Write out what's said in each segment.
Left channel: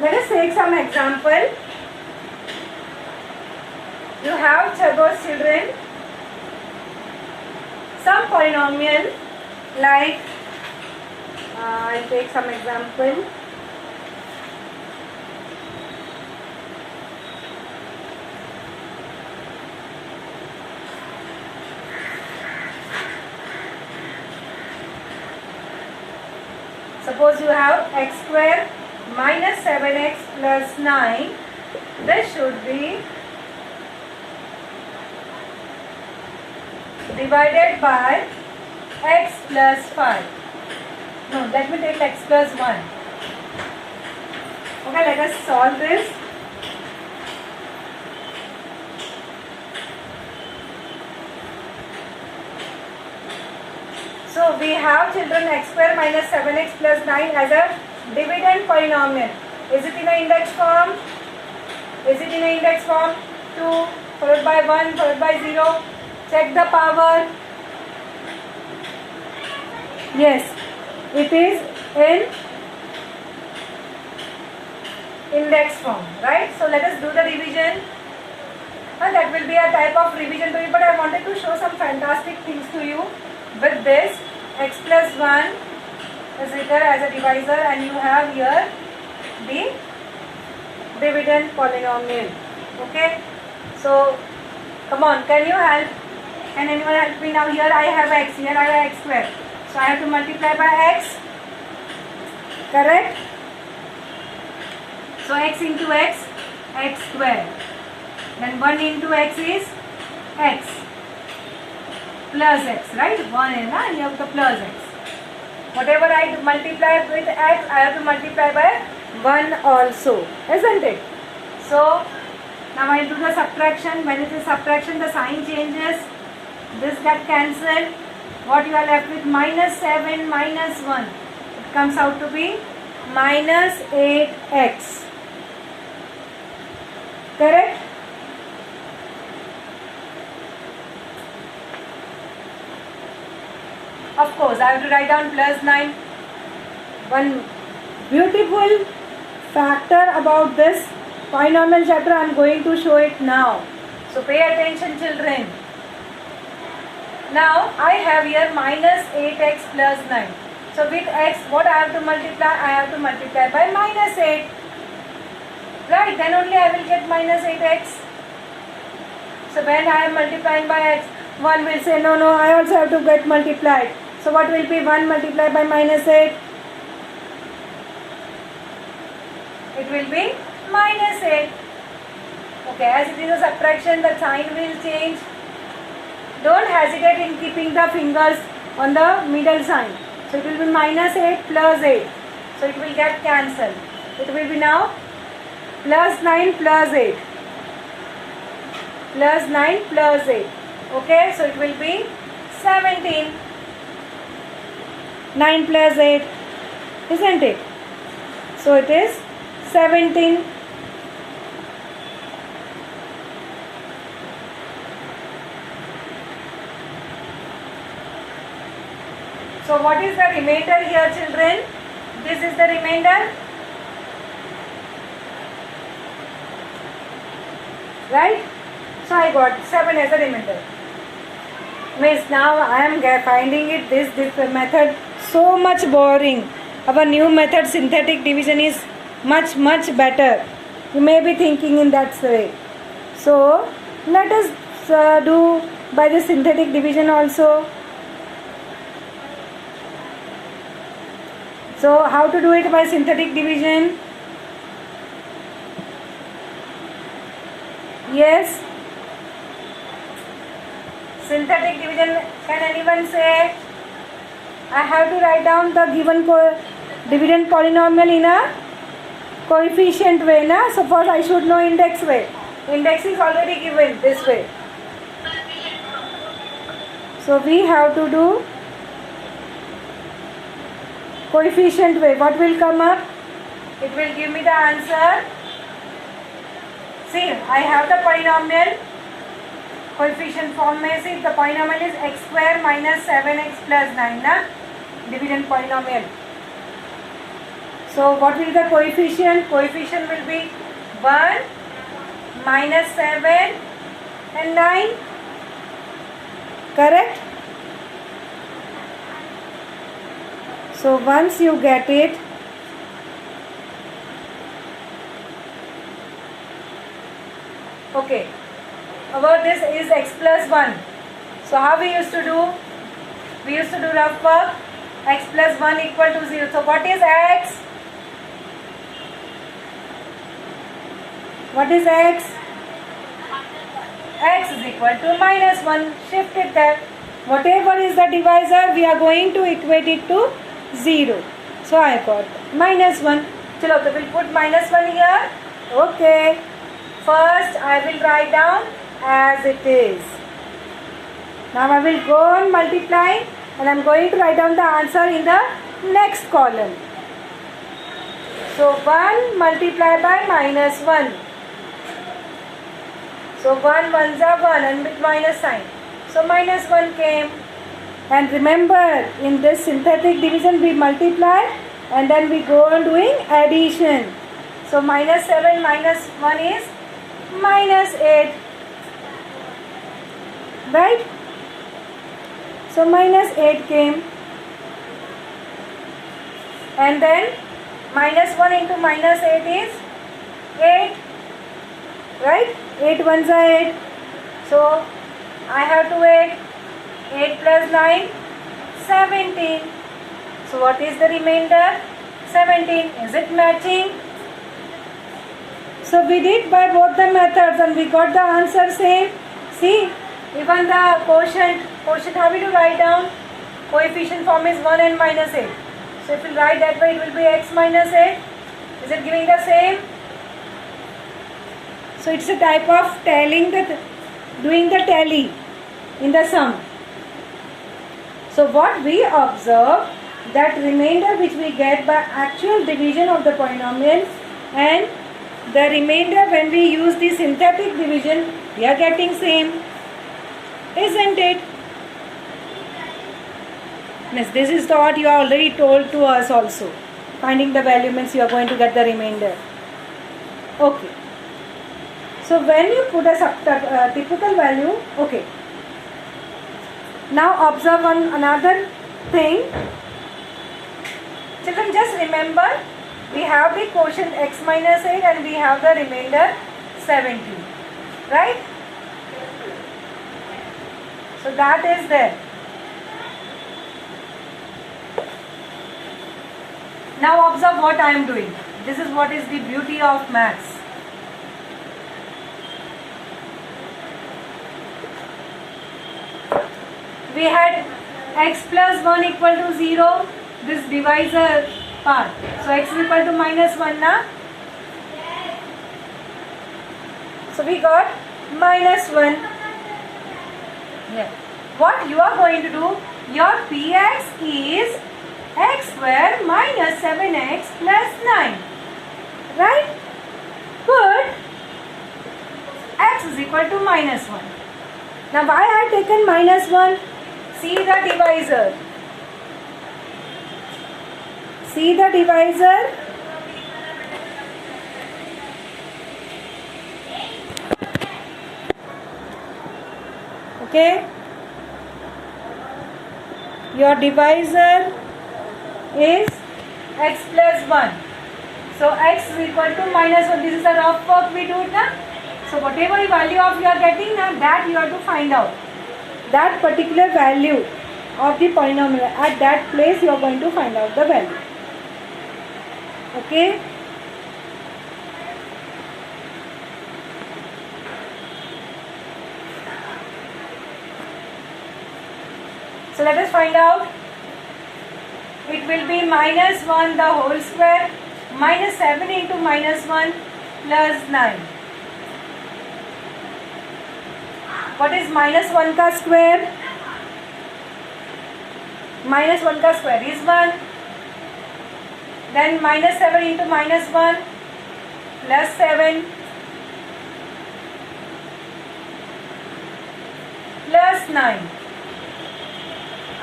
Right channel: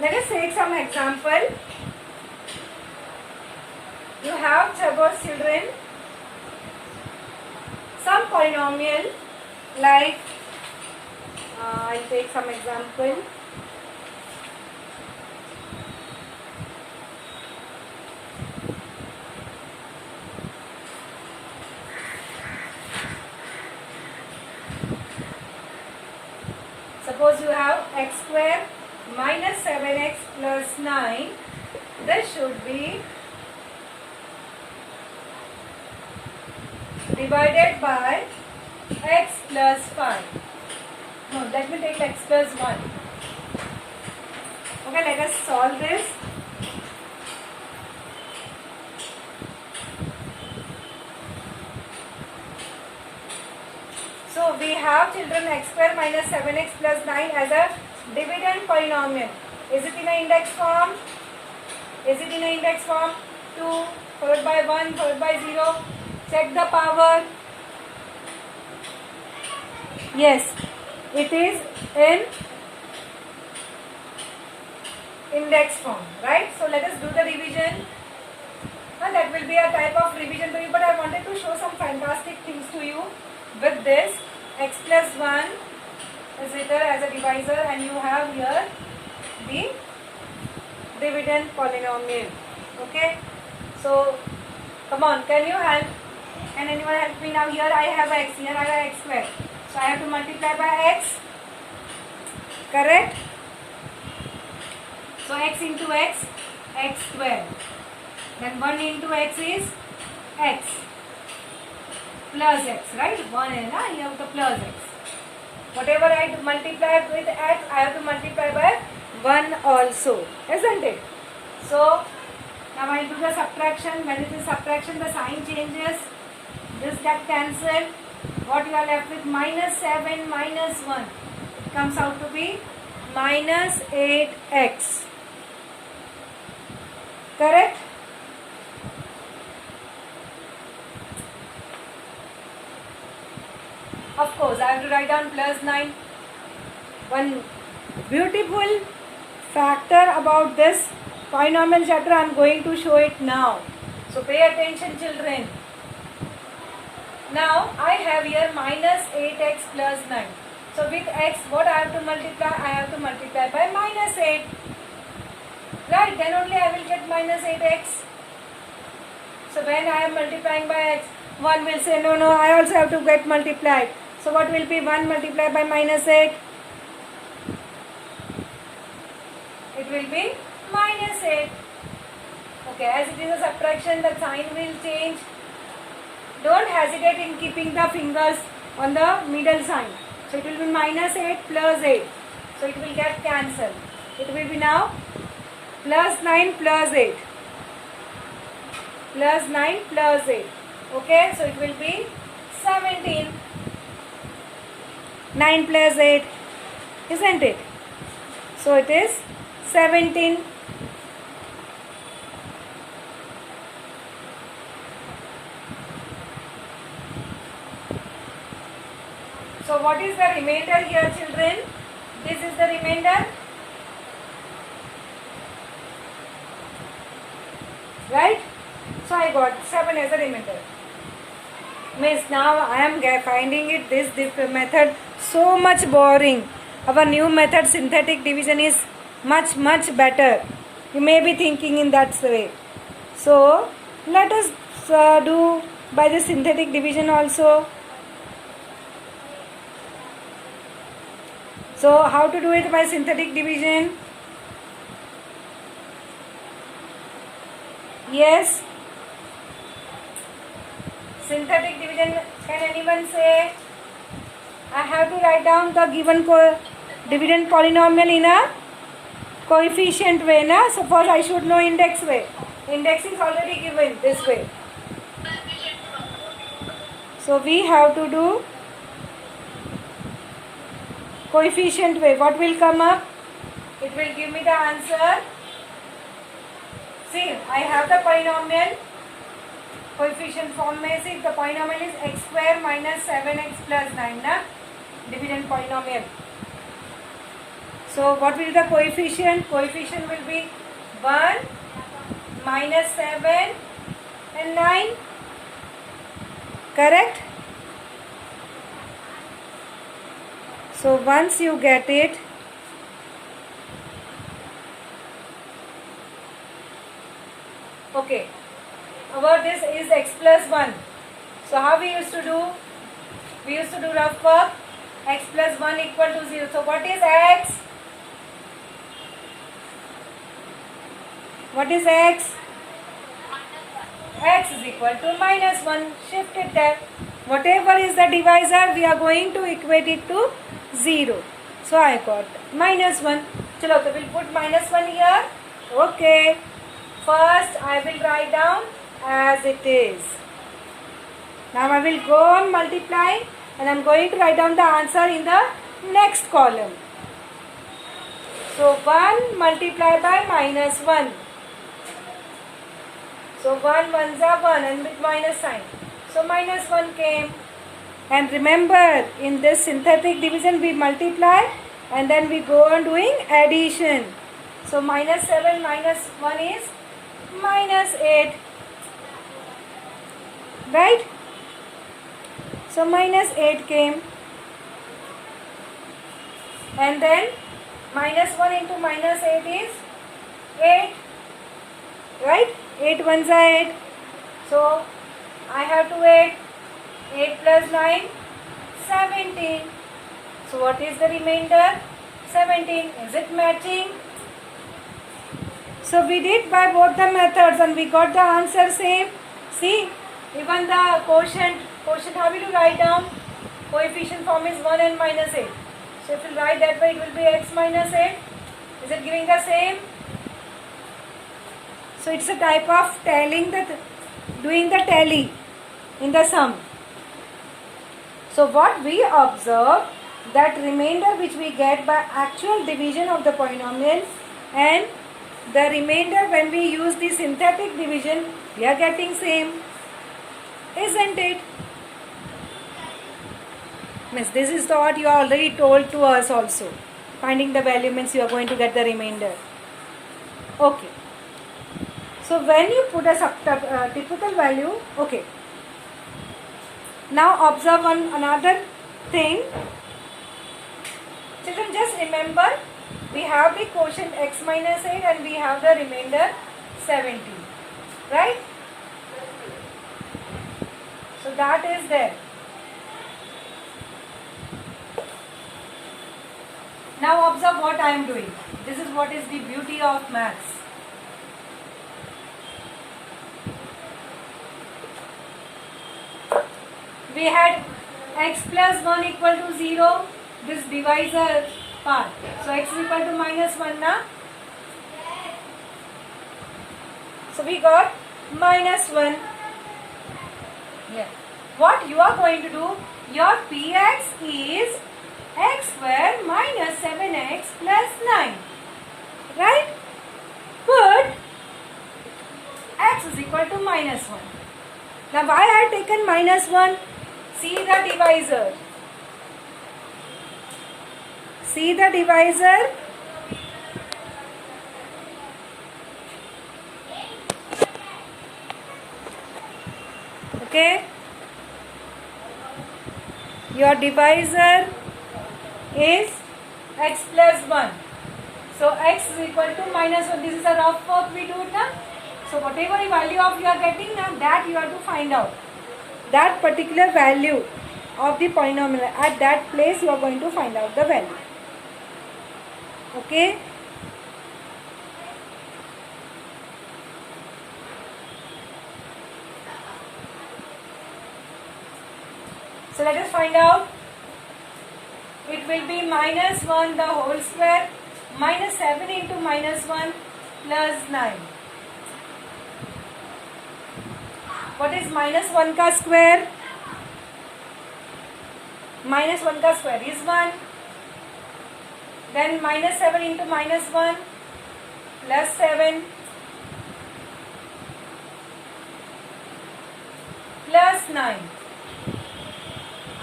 Let us take some example. You have those children, some polynomial like, I'll take some example. Suppose you have x square minus 7x plus 9. This should be divided by x plus 5. No, let me take x plus 1. Okay, let us solve this. So we have children x square minus 7x plus 9 as a dividend polynomial. Is it in an index form? Is it in an index form? 2 followed by 1 followed by 0. Check the power. Yes, it is in index form, right? So let us do the revision. And that will be a type of revision to it, but I wanted to show some fantastic things to you. With this, x plus 1 is written as a divisor, and you have here the dividend polynomial. Okay, so come on, can you help? Can anyone help me now? Here I have x, here I have x square, so I have to multiply by x, correct? So x into x, x square, then 1 into x is x plus x, right? 1 is, you have the plus x. Whatever I multiply with x, I have to multiply by 1 also, isn't it? So now I will do the subtraction. When it is subtraction, the sign changes. This gets cancelled. What you are left with? Minus 7 minus 1. It comes out to be minus 8x. Correct? Of course, I have to write down plus 9. One beautiful factor about this polynomial chapter, I am going to show it now. So pay attention, children. Now I have here minus 8x plus 9. So with x, what I have to multiply? I have to multiply by minus 8. Right, then only I will get minus 8x. So when I am multiplying by x, one will say, no, I also have to get multiplied. So what will be 1 multiplied by minus 8? It will be minus 8. Okay, as it is a subtraction, the sign will change. Don't hesitate in keeping the fingers on the middle sign. So it will be minus 8 plus 8. So it will get cancelled. It will be now plus 9 plus 8. Plus 9 plus 8. Okay, so it will be 17. 9 plus 8, isn't it? So it is 17. So what is the remainder here, children? This is the remainder. Right? So I got 7 as a remainder. Miss, now I am finding it this method so much boring. Our new method, synthetic division, is much better. You may be thinking in that way. So let us do by the synthetic division also. So how to do it by synthetic division? Yes. Synthetic division, can anyone say? I have to write down the given dividend polynomial in a coefficient way, na? Suppose I should know index way. Index is already given this way. So we have to do coefficient way. What will come up? It will give me the answer. See, I have the polynomial. Coefficient form में see the polynomial is x square minus 7x plus 9 ना, dividend polynomial. So what will be the coefficient? Coefficient will be 1, minus 7 and 9. Correct? So once you get it, okay, our this is x plus 1. So how we used to do? We used to do rough work. X plus 1 equal to 0. So what is x? What is x? X is equal to minus 1. Shift it there. Whatever is the divisor, we are going to equate it to 0. So I got minus 1. Chalo, so we'll put minus 1 here. Okay. First, I will write down as it is. Now I will go on multiplying and I am going to write down the answer in the next column. So 1 multiplied by minus 1. So 1 ones are 1 and with minus sign. So minus 1 came. And remember, in this synthetic division we multiply and then we go on doing addition. So minus 7 minus 1 is minus 8. Right? So minus 8 came. And then minus 1 into minus 8 is 8. Right? 8 ones are 8. So I have to add 8 plus 9, 17. So what is the remainder? 17. Is it matching? So we did by both the methods and we got the answer same. See, even the quotient how will you write down? Coefficient form is 1 and minus 8. So if you write that way, it will be x minus 8. Is it giving the same? So it's a type of doing the tally in the sum. So what we observe, that remainder which we get by actual division of the polynomial and the remainder when we use the synthetic division, we are getting same. Isn't it? Miss, this is what you already told to us also. Finding the value means you are going to get the remainder. Okay. So when you put a typical value, okay. Now observe another thing. Children, just remember, we have the quotient x minus 8 and we have the remainder 17. Right? So that is there. Now observe what I am doing. This is what is the beauty of maths. We had x plus 1 equal to 0, this divisor part. So x is equal to minus 1 na? So we got minus 1. Yeah. What you are going to do, your px is x square minus 7x plus 9. Right? Put x is equal to minus 1. Now why I have taken minus 1? See the divisor. See the divisor. Okay. Your divisor is x plus 1. So x is equal to minus 1. This is a rough work we do it now. So whatever value of you are getting now, that you have to find out. That particular value of the polynomial, at that place you are going to find out the value. Okay. So let us find out. It will be minus 1 the whole square minus 7 into minus 1 plus 9. What is minus 1 ka square? Minus 1 ka square is 1. Then minus 7 into minus 1 plus 7 plus 9.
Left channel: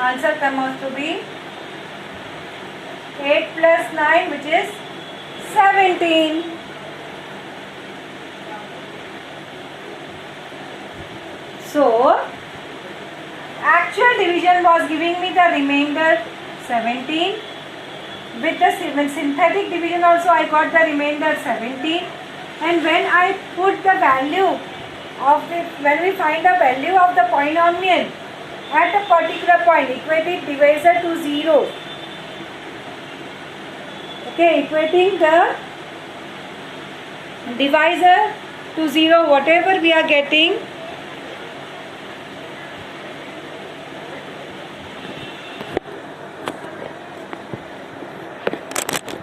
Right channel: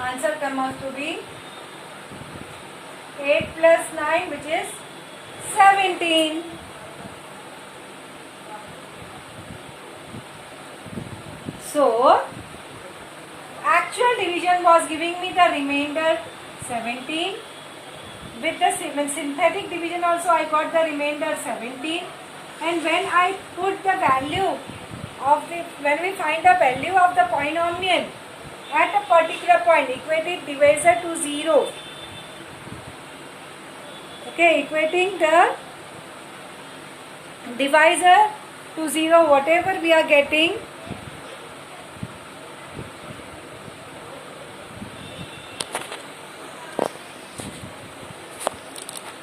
Answer comes out to be 8 plus 9, which is 17. So actual division was giving me the remainder 17. With the synthetic division also I got the remainder 17. And when I put the value of when we find the value of the polynomial at a particular point, equating divisor to 0. Okay, equating the divisor to 0, whatever we are getting,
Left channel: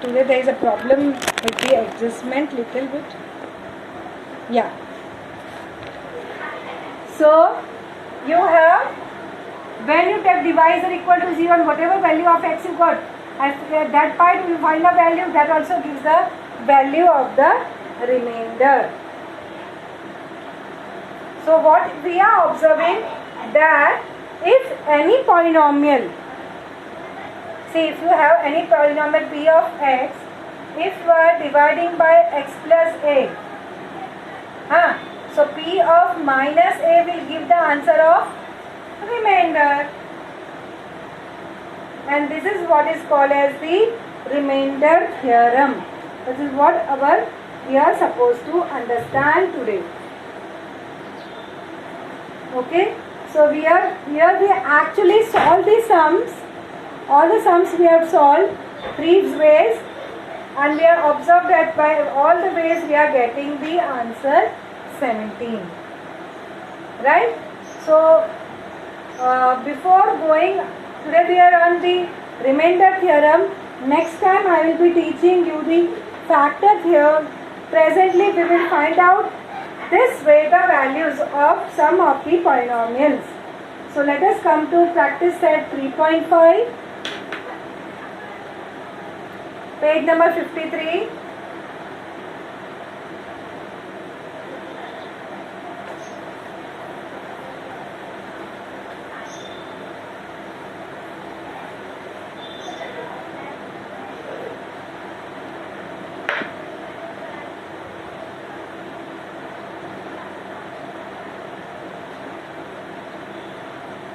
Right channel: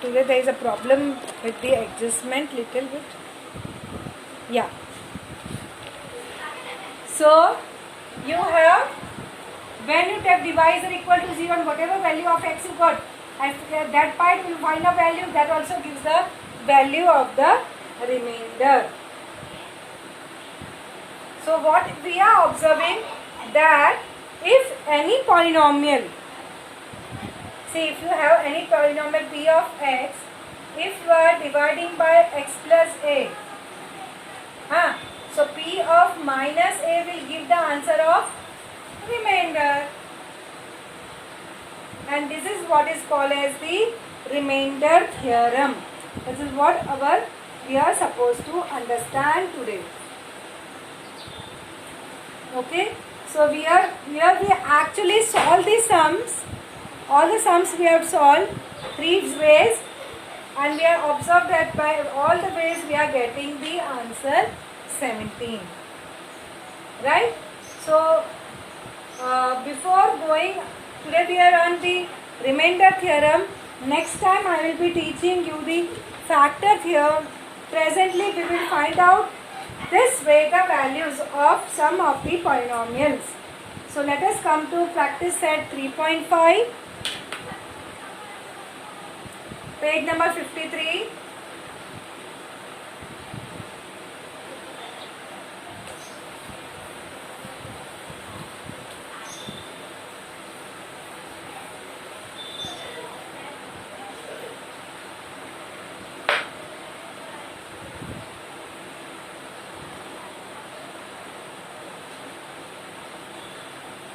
today there is a problem with the adjustment little bit. Yeah. So you have, when you take divisor equal to 0 and whatever value of x you got, at that point you find the value, that also gives the value of the remainder. So what we are observing, that if any polynomial, see if you have any polynomial p of x, if you are dividing by x plus a, so p of minus a will give the answer of remainder, and this is what is called as the remainder theorem. This is what we are supposed to understand today. Okay, so here we actually solve the sums. All the sums we have solved 3 ways, and we have observed that by all the ways we are getting the answer 17. Right? So before going, today we are on the remainder theorem. Next time I will be teaching you the factor theorem. Presently we will find out this way the values of some of the polynomials. So let us come to practice set 3.5, page number 53.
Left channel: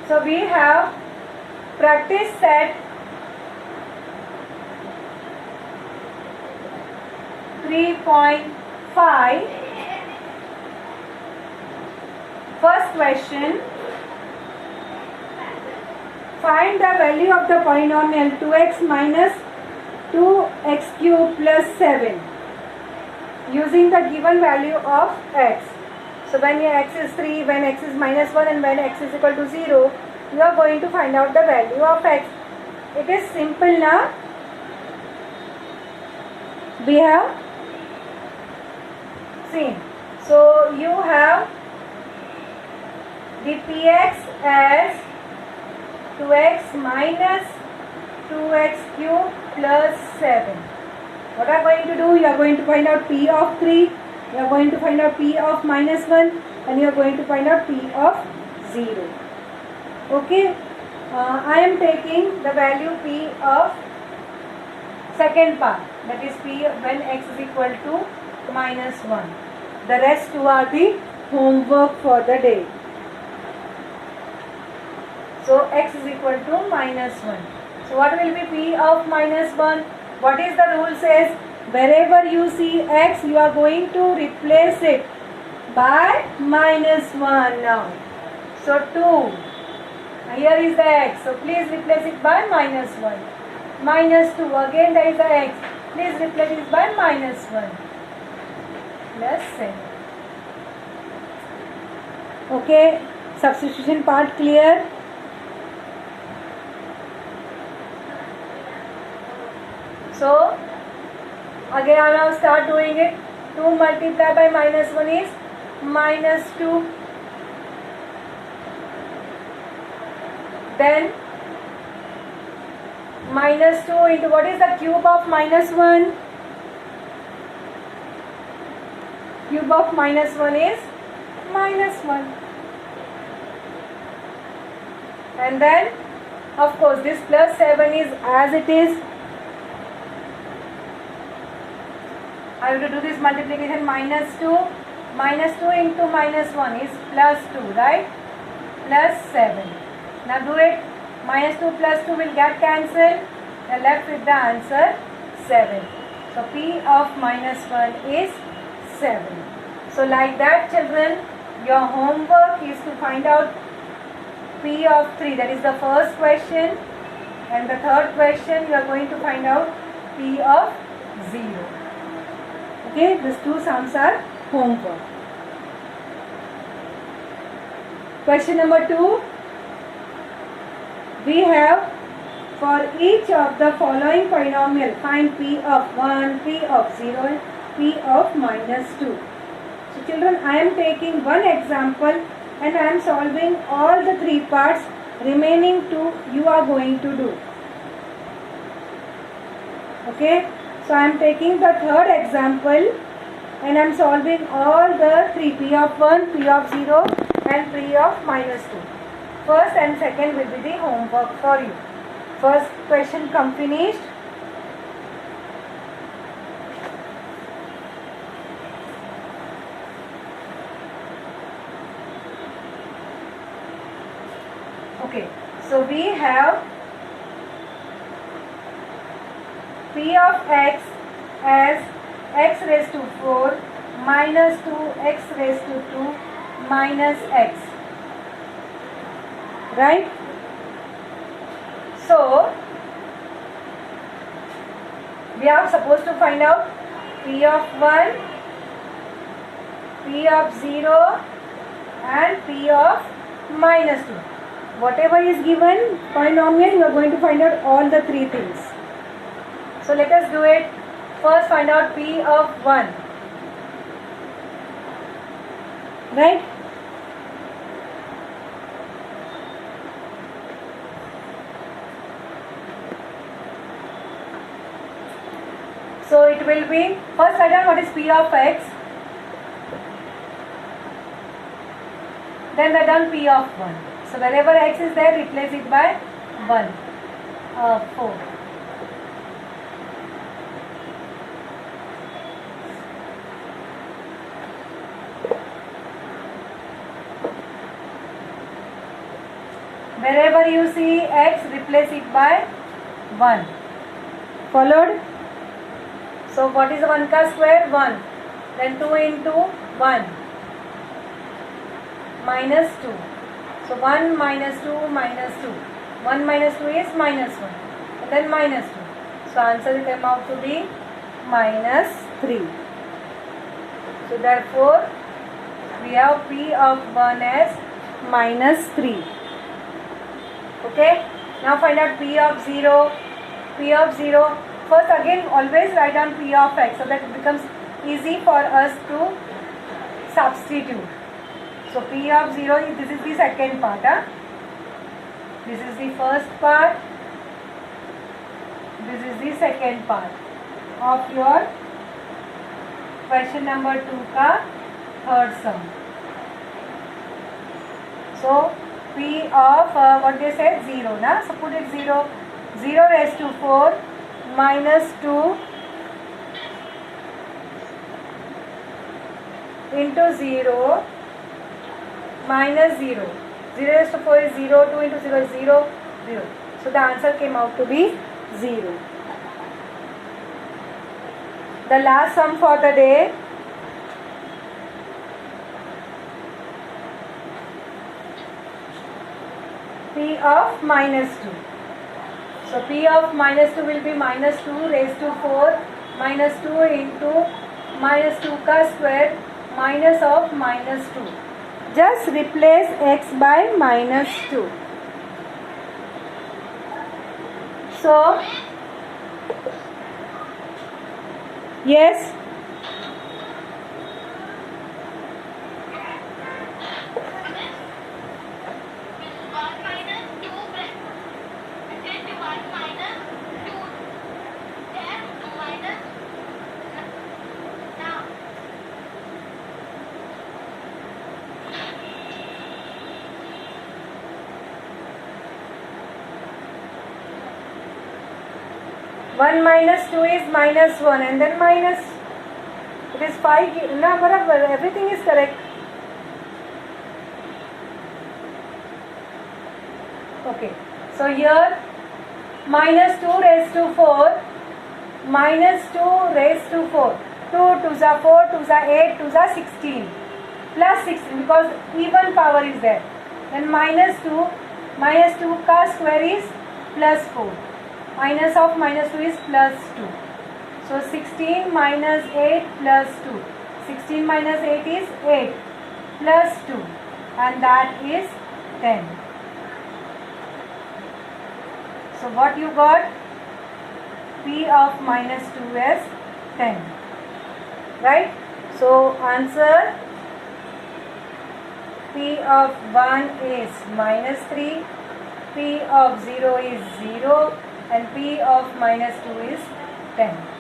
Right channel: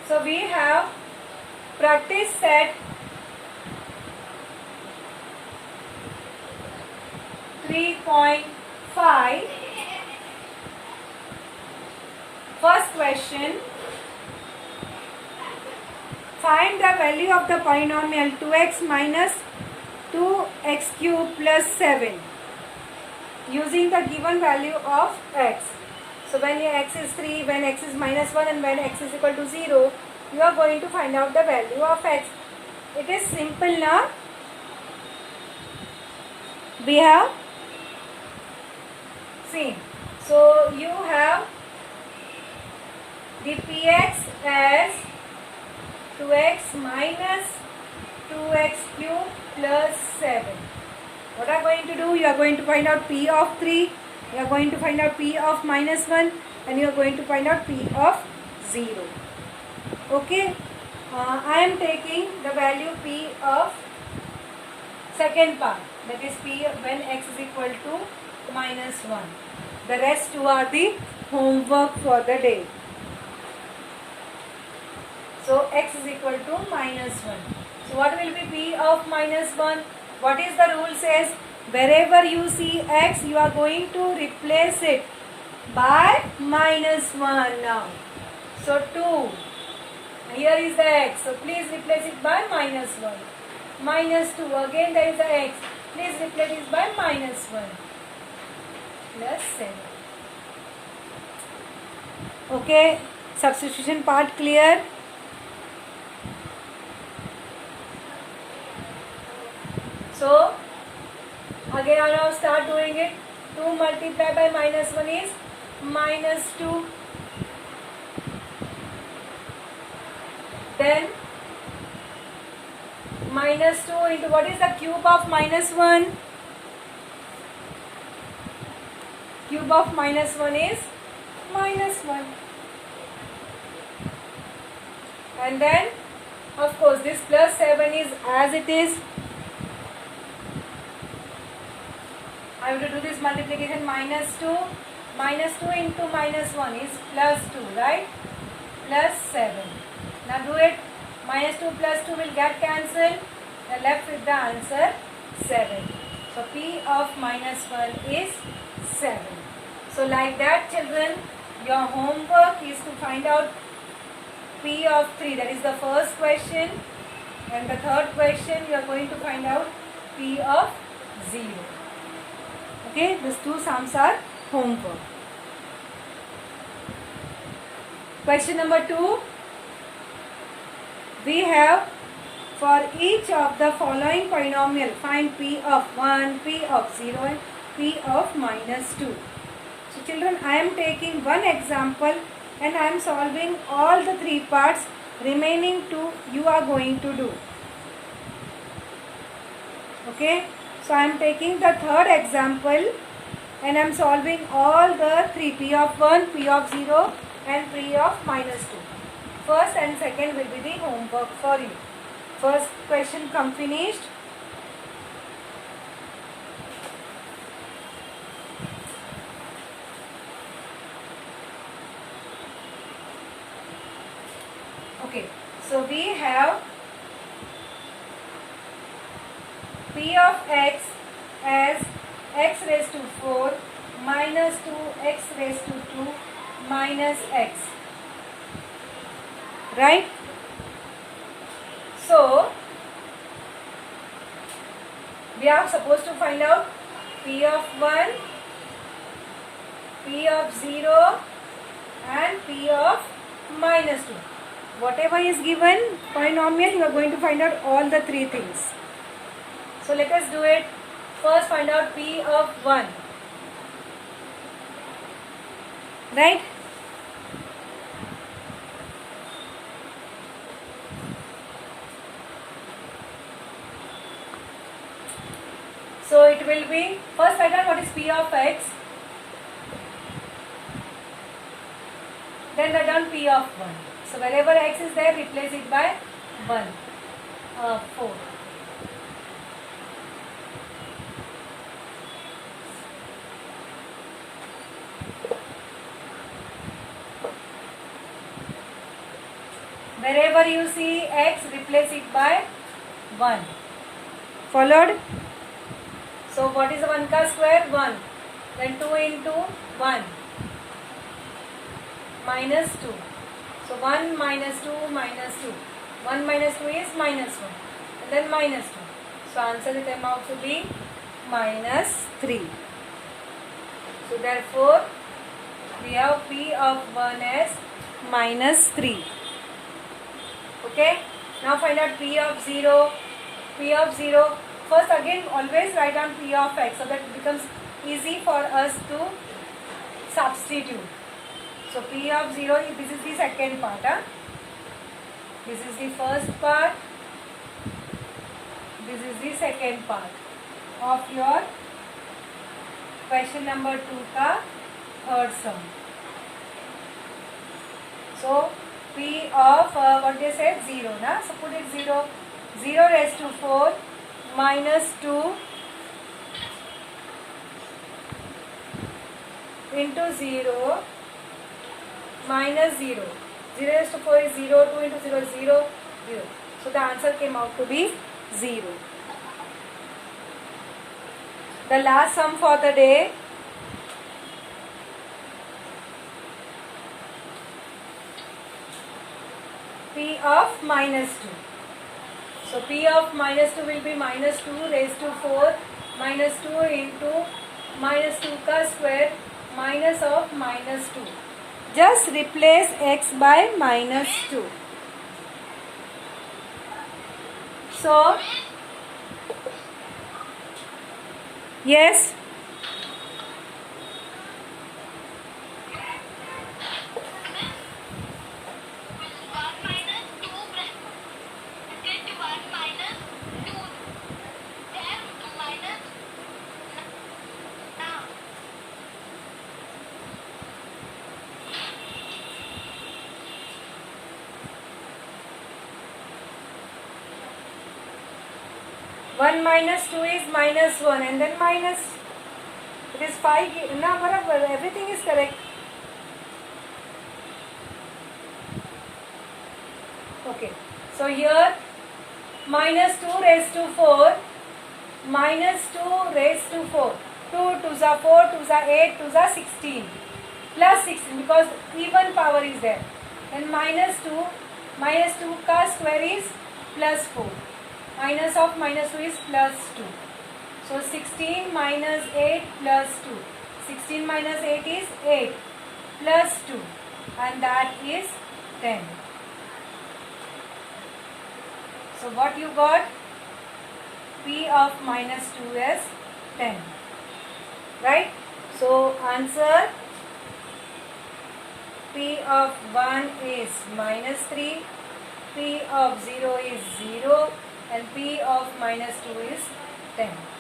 So we have practice set 3.5. First question. Find the value of the polynomial 2x minus 2x cube plus 7 using the given value of x. So when your x is 3, when x is minus 1 and when x is equal to 0, you are going to find out the value of x. It is simple now. We have seen. So you have the px as 2x minus 2x cube plus 7. What are you going to do? You are going to find out p of 3. You are going to find out p of minus 1 and you are going to find out p of 0. Okay. I am taking the value p of second part, that is p when x is equal to minus 1. The rest two are the homework for the day. So x is equal to minus 1. So what will be p of minus 1? What is the rule says? Wherever you see x, you are going to replace it by minus 1 now. So 2. Here is the x. So please replace it by minus 1. Minus 2. Again there is the x. Please replace it by minus 1. Plus 7. Okay. Substitution part clear? So again I now start doing it. 2 multiplied by minus 1 is minus 2. Then minus 2 into what is the cube of minus 1? Cube of minus 1 is minus 1. And then of course this plus 7 is as it is. I have to do this multiplication. Minus 2 into minus 1 is plus 2, right? Plus 7. Now do it. Minus 2 plus 2 will get cancelled. Now left with the answer 7. So P of minus 1 is 7. So like that, children, your homework is to find out P of 3. That is the first question. And the third question, you are going to find out P of 0. Okay, these two sums are homework. Question number 2. We have, for each of the following polynomial, find P of 1, P of 0 and P of minus 2. So children, I am taking one example and I am solving all the 3 parts. Remaining 2 you are going to do. Okay, so I am taking the third example and I am solving all the 3, P of 1, P of 0 and P of minus 2. First and second will be the homework for you. First question come finished. Okay, so we have P of x as x raised to 4 minus 2x raised to 2 minus x. Right? So, we are supposed to find out P of 1, P of 0 and P of minus 2. Whatever is given polynomial, you are going to find out all the 3 things. So let us do it. First find out P of 1. Right? So it will be, first write down what is P of x. Then write down P of 1. So wherever x is there, replace it by 1. 4. Wherever you see x, replace it by 1. Followed? So what is 1 ka square? 1. Then 2 into 1. Minus 2. So 1 minus 2 minus 2. 1 minus 2 is minus 1. And then minus 2. So answer will come out to be minus 3. So therefore, we have P of 1 as minus 3. Okay. Now find out P of 0. P of 0. First again always write down P of x so that it becomes easy for us to substitute. So P of 0, this is the second part. This is the first part. This is the second part of your question number 2 ka third sum. So P of what they said 0 na. So put it 0. 0 raised to 4 minus 2 into 0 minus 0. 0 raised to 4 is 0. 2 into 0 is 0. 0. So the answer came out to be 0. The last sum for the day. P of minus 2. So P of minus 2 will be minus 2 raised to 4 minus 2 into minus 2 ka square minus of minus 2. Just replace x by minus 2. So, yes. One minus 2 is minus 1 and then minus It is 5. Na barabar. Everything is correct. Okay. So here minus 2 raised to 4. Minus 2 raised to 4. 2 2s are 4, 2s are 8, 2s are 16. Plus 16 because even power is there. Then minus 2 ka square is plus 4. Minus of minus 2 is plus 2. So 16 minus 8 plus 2. 16 minus 8 is 8 plus 2 and that is 10. So what you got? P of minus 2 is 10. Right? So answer P of 1 is minus 3, P of 0 is 0 and P of minus 2 is 10.